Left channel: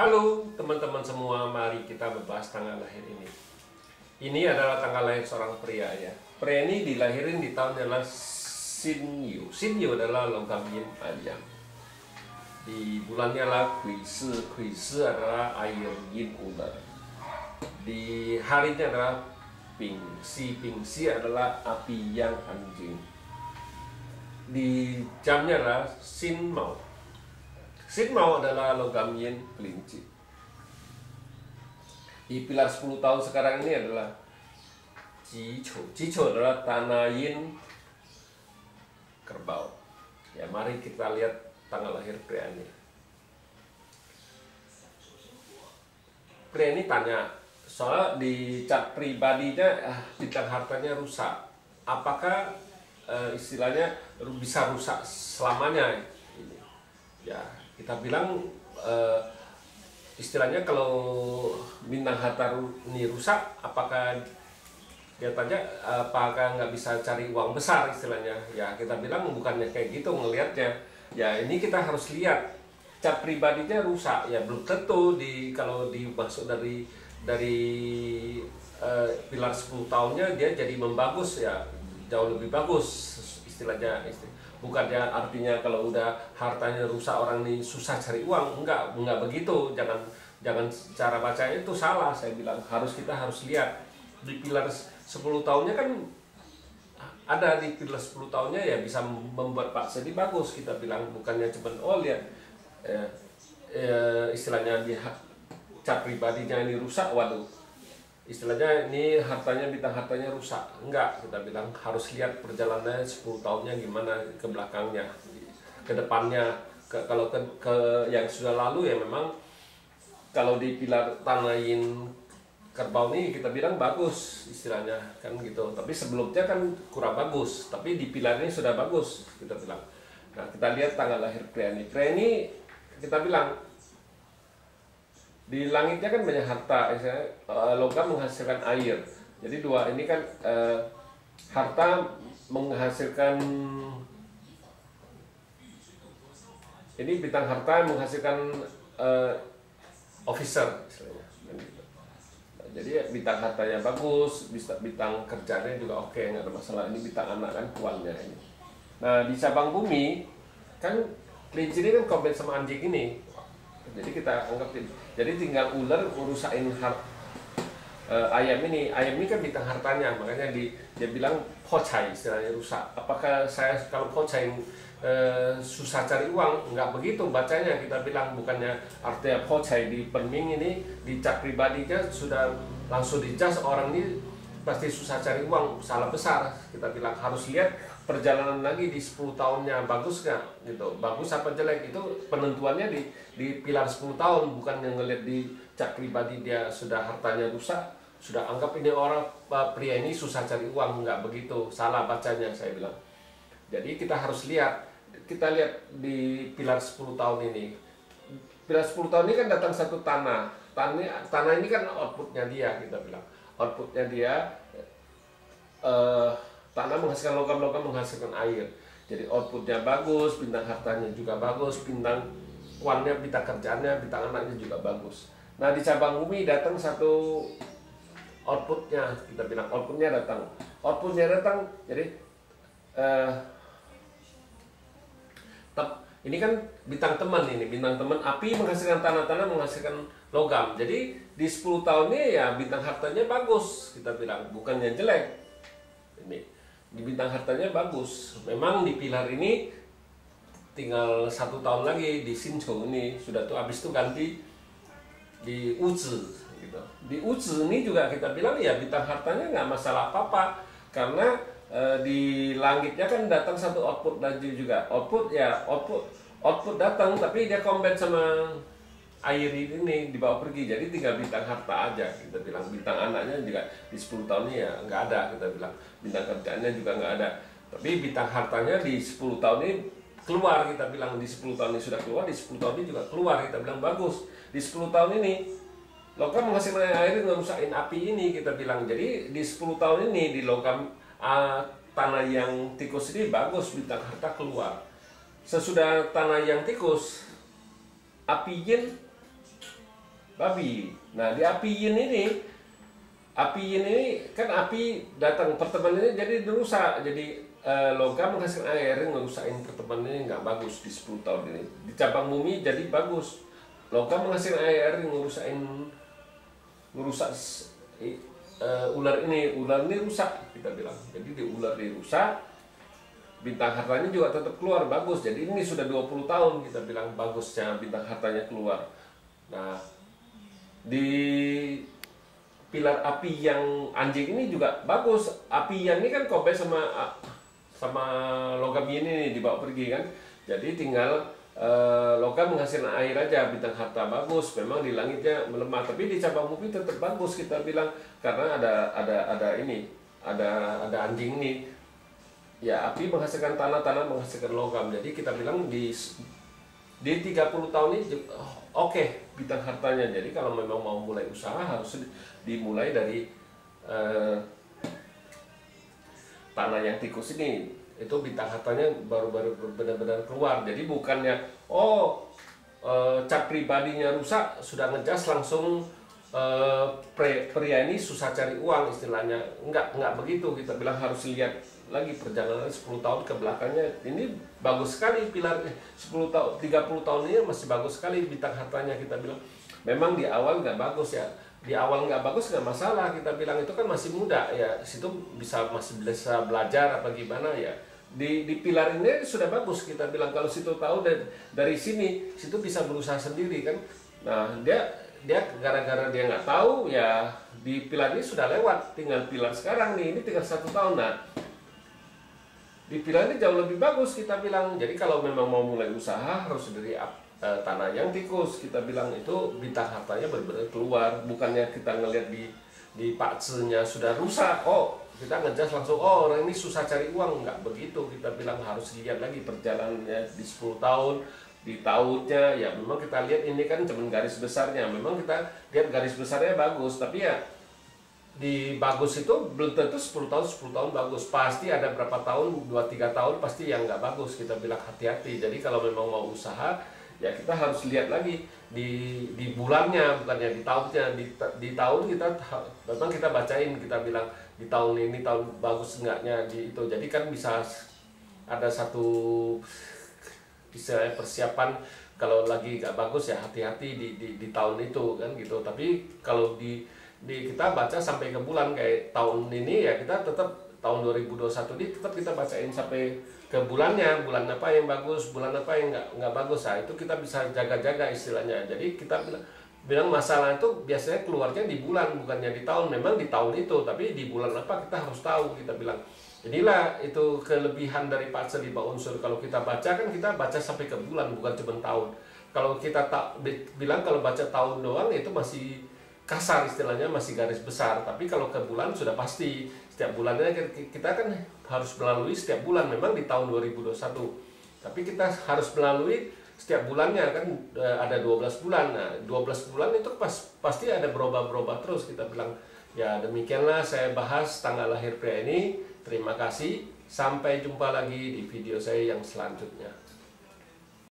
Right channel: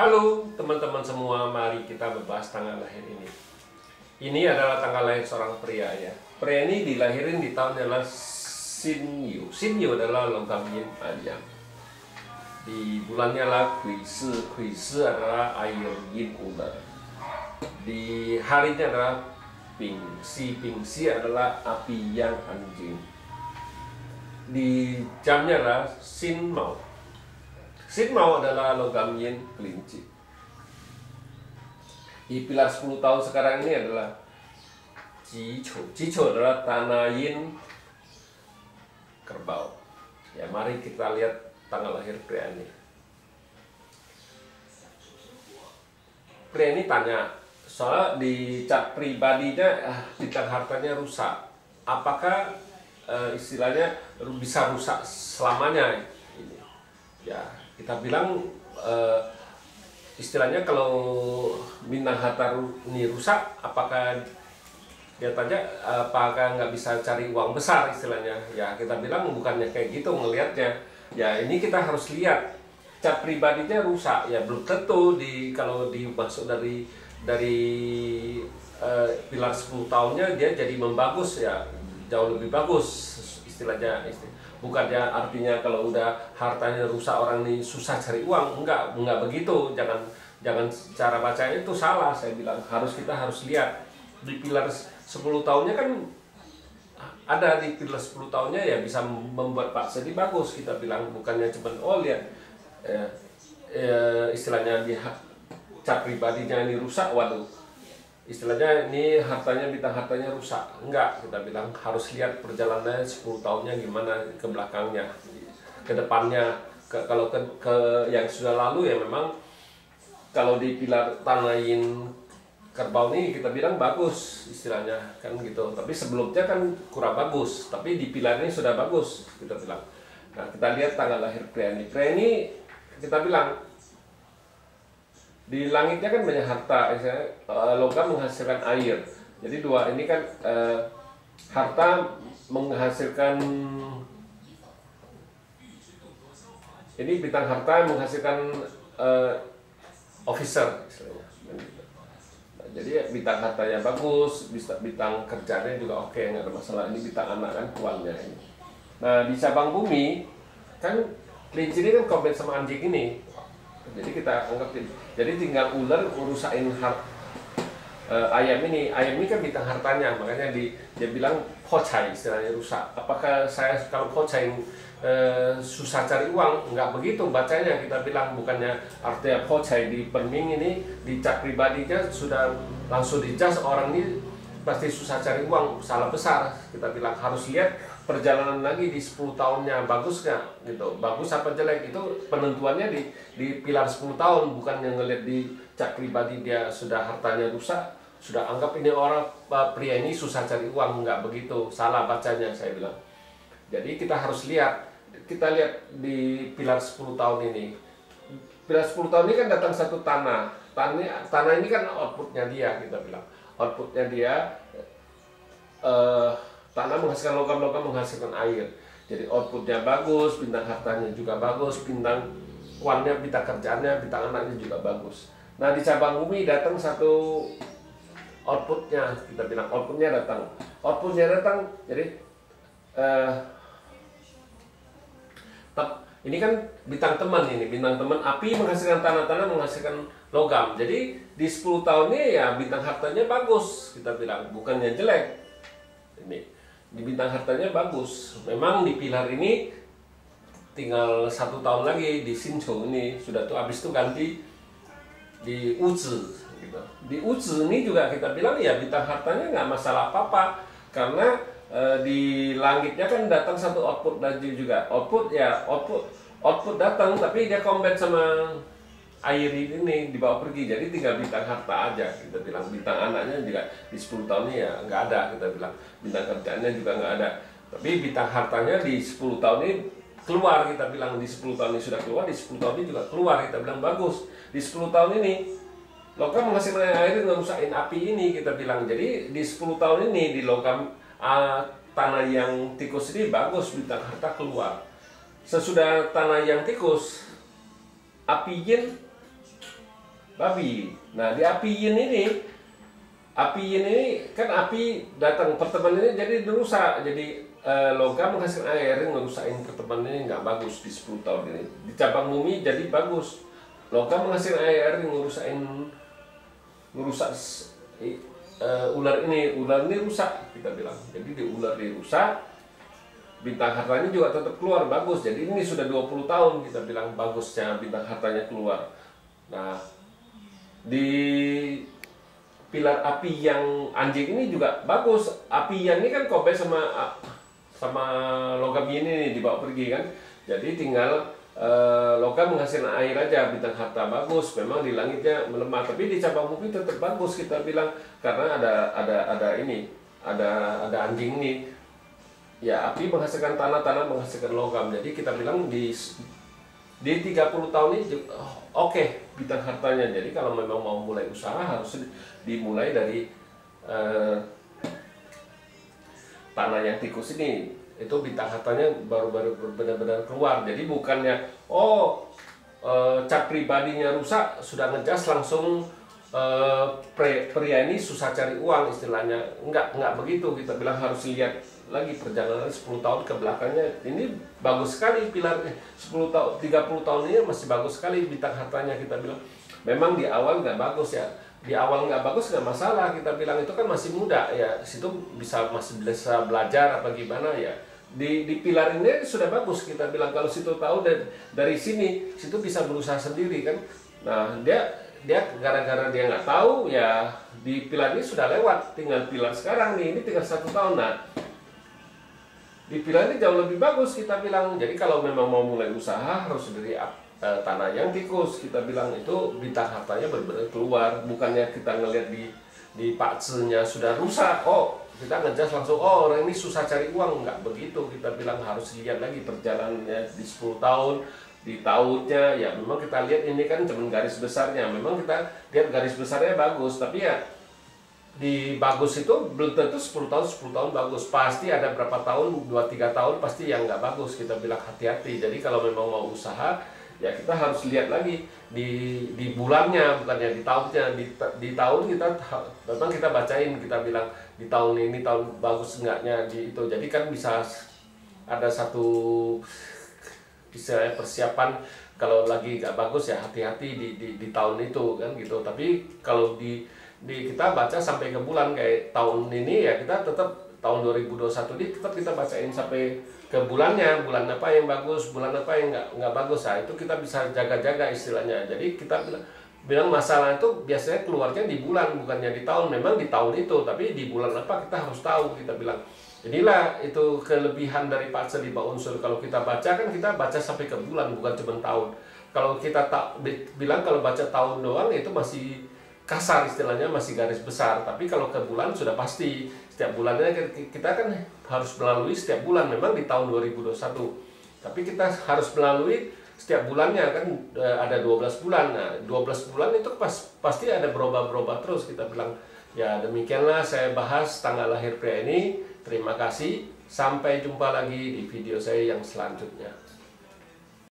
Halo teman-teman semua, mari kita membahas tanggal lahir ini. Ini adalah tanggal lahir seorang pria ya. Pria ini dilahirin di tahun adalah Sinyu. Sinyu adalah logam yin ayam. Di bulannya adalah Kuisi. Kuisi adalah air yin ular. Di harinya adalah Pingsi. Pingsi adalah api yang anjing. Di jamnya adalah Sin Mau. Sin Mau adalah logam yin kelinci. Di pilar 10 tahun sekarang ini adalah Jicho. Jicho adalah tanah yin kerbau. Ya, mari kita lihat tanggal lahir pria ini. Pria ini tanya, soalnya di cat pribadinya bintang hartanya rusak. Apakah istilahnya bisa rusak selamanya? Ini. Ya, kita bilang istilahnya kalau bintang harta ini rusak, apakah dia tanya apakah nggak bisa cari uang besar istilahnya? Ya kita bilang bukannya kayak gitu ngelihatnya. Ya ini kita harus lihat cat pribadinya rusak, ya belum tentu kalau dimasuk dari pilar 10 tahunnya dia jadi membagus, ya jauh lebih bagus istilahnya. Bukannya artinya kalau udah hartanya rusak orang ini susah cari uang, enggak begitu. Jangan cara bacanya itu salah. Saya bilang kita harus lihat di pilar 10 tahunnya kan ada, di pilar 10 tahunnya ya bisa membuat Pak Sedi bagus. Kita bilang bukannya cuma lihat istilahnya di cat pribadinya ini rusak, waduh istilahnya ini bintang hartanya rusak. Enggak, kita bilang harus lihat perjalanannya 10 tahunnya gimana ke belakangnya, ke depannya. Kalau ke yang sudah lalu ya memang kalau di pilar tanah yin kerbau ini kita bilang bagus istilahnya kan gitu. Tapi sebelumnya kan kurang bagus, tapi di pilar ini sudah bagus kita bilang. Nah, kita lihat tanggal lahir pria ini. Pria ini kita bilang di langitnya kan banyak harta, logam menghasilkan air. Jadi dua ini kan harta menghasilkan, ini bintang harta menghasilkan officer istilahnya. Nah, jadi bintang hartanya bagus, bintang kerjanya juga oke, nggak ada masalah. Ini bintang anak kan tuannya ini. Nah di cabang bumi kan kelinci ini kan kombin sama anjing ini. Jadi kita anggap jadi tinggal ular urusain ayam ini kan bintang hartanya, makanya dia bilang pocai istilahnya rusak. Apakah saya kalau pocai susah cari uang? Enggak begitu bacanya. Kita bilang bukannya artinya pocai di perming ini di cat pribadinya sudah langsung dijas orang ini pasti susah cari uang, salah besar. Kita bilang harus lihat perjalanan lagi di 10 tahunnya bagus nggak gitu, bagus apa jelek, itu penentuannya di pilar 10 tahun, bukan yang ngelihat di cat pribadi dia sudah hartanya rusak, sudah anggap ini orang pria ini susah cari uang. Nggak begitu, salah bacanya saya bilang. Jadi kita harus lihat di pilar 10 tahun ini. Pilar 10 tahun ini kan datang satu tanah ini kan outputnya dia, kita bilang outputnya dia tanah menghasilkan logam menghasilkan air. Jadi outputnya bagus, bintang hartanya juga bagus, bintang kuannya, bintang kerjaannya, bintang anaknya juga bagus. Nah di cabang bumi datang satu outputnya, kita bilang outputnya datang. Jadi ini kan bintang teman, bintang teman api menghasilkan tanah menghasilkan logam. Jadi di 10 tahunnya ya bintang hartanya bagus, kita bilang bukannya jelek. Ini di bintang hartanya bagus. Memang di pilar ini tinggal 1 tahun lagi di Sincho ini sudah tuh, habis itu ganti di Uzi gitu. Di Uzi ini juga kita bilang ya bintang hartanya nggak masalah apa-apa, karena di langitnya kan datang satu output lagi juga. Output datang, tapi dia combat sama air ini dibawa pergi, jadi tinggal bintang harta aja. Kita bilang bintang anaknya juga di 10 tahunnya ya nggak ada, kita bilang bintang kerjaannya juga nggak ada, tapi bintang hartanya di 10 tahun ini keluar. Kita bilang di 10 tahun ini sudah keluar, di 10 tahun ini juga keluar, kita bilang bagus. Di 10 tahun ini logam menghasilkan air ngerusakin api ini, kita bilang. Jadi di 10 tahun ini di logam tanah yang tikus ini bagus, bintang harta keluar. Sesudah tanah yang tikus, api yin babi. Nah di api yin ini kan api datang pertemanan ini jadi dirusak, jadi logam menghasilkan air ngerusakin pertemanan ini nggak bagus di 10 tahun ini. Di cabang bumi jadi bagus, logam menghasilkan air ngerusak ular ini rusak kita bilang. Jadi di ular dirusak, bintang hartanya juga tetap keluar bagus. Jadi ini sudah 20 tahun kita bilang bagusnya bintang hartanya keluar. Nah di pilar api yang anjing ini juga bagus. Api yang ini kan kobe sama logam ini dibawa pergi kan. Jadi tinggal logam menghasilkan air aja, bintang harta bagus. Memang di langitnya melemah, tapi di cabang bumi tetap bagus kita bilang karena ada anjing ini. Ya api menghasilkan tanah menghasilkan logam. Jadi kita bilang di 30 tahun ini oke, bintang hartanya. Jadi kalau memang mau mulai usaha harus dimulai dari tanah yang tikus ini. Itu bintang hartanya baru benar-benar keluar. Jadi bukannya cat pribadinya rusak sudah ngejas langsung pria ini susah cari uang istilahnya. Enggak begitu. Kita bilang harus lihat lagi perjalanan 10 tahun ke belakangnya. Ini bagus sekali pilarnya. 30 tahun ini masih bagus sekali bintang hartanya kita bilang. Memang di awal nggak bagus ya. Di awal nggak bagus nggak masalah, kita bilang itu kan masih muda ya, situ masih bisa belajar apa gimana ya. Di pilar ini sudah bagus kita bilang, kalau situ tahu dari sini situ bisa berusaha sendiri kan. Nah dia gara-gara dia nggak tahu ya, di pilar ini sudah lewat, tinggal pilar sekarang nih, ini tinggal 1 tahun. Nah di pilar ini jauh lebih bagus kita bilang. Jadi kalau memang mau mulai usaha harus dari tanah yang tikus kita bilang, itu bintang hartanya benar-benar keluar. Bukannya kita ngelihat di paksenya sudah rusak, kita ngejas langsung orang ini susah cari uang. Nggak begitu kita bilang, harus lihat lagi perjalanannya di 10 tahun, di tahunnya ya. Memang kita lihat ini kan cuma garis besarnya, memang kita lihat garis besarnya bagus, tapi ya di bagus itu belum tentu 10 tahun bagus. Pasti ada berapa tahun, 2-3 tahun pasti yang nggak bagus. Kita bilang hati-hati. Jadi kalau memang mau usaha ya kita harus lihat lagi di bulannya, bukannya di tahunnya. Di tahun kita memang kita bacain, kita bilang di tahun ini tahun bagus enggaknya di itu. Jadi kan bisa ada satu bisa persiapan kalau lagi nggak bagus ya hati-hati di tahun itu kan gitu. Tapi kalau kita baca sampai ke bulan kayak tahun ini ya, kita tetap tahun 2021 ini tetap kita bacain sampai ke bulannya, bulan apa yang bagus, bulan apa yang nggak bagus. Nah itu kita bisa jaga-jaga istilahnya. Jadi kita bilang masalah itu biasanya keluarnya di bulan, bukannya di tahun. Memang di tahun itu, tapi di bulan apa kita harus tahu kita bilang. Inilah itu kelebihan dari Patsa di unsur. Kalau kita baca kan kita baca sampai ke bulan, bukan cuma tahun. Kalau kita bilang kalau baca tahun doang itu masih kasar istilahnya, masih garis besar. Tapi kalau ke bulan sudah pasti. Setiap bulannya kita kan harus melalui setiap bulan. Memang di tahun 2021, tapi kita harus melalui setiap bulannya kan. Ada 12 bulan. Nah 12 bulan itu pasti ada berubah-berubah terus kita bilang. Ya demikianlah saya bahas tanggal lahir pria ini. Terima kasih, sampai jumpa lagi di video saya yang selanjutnya.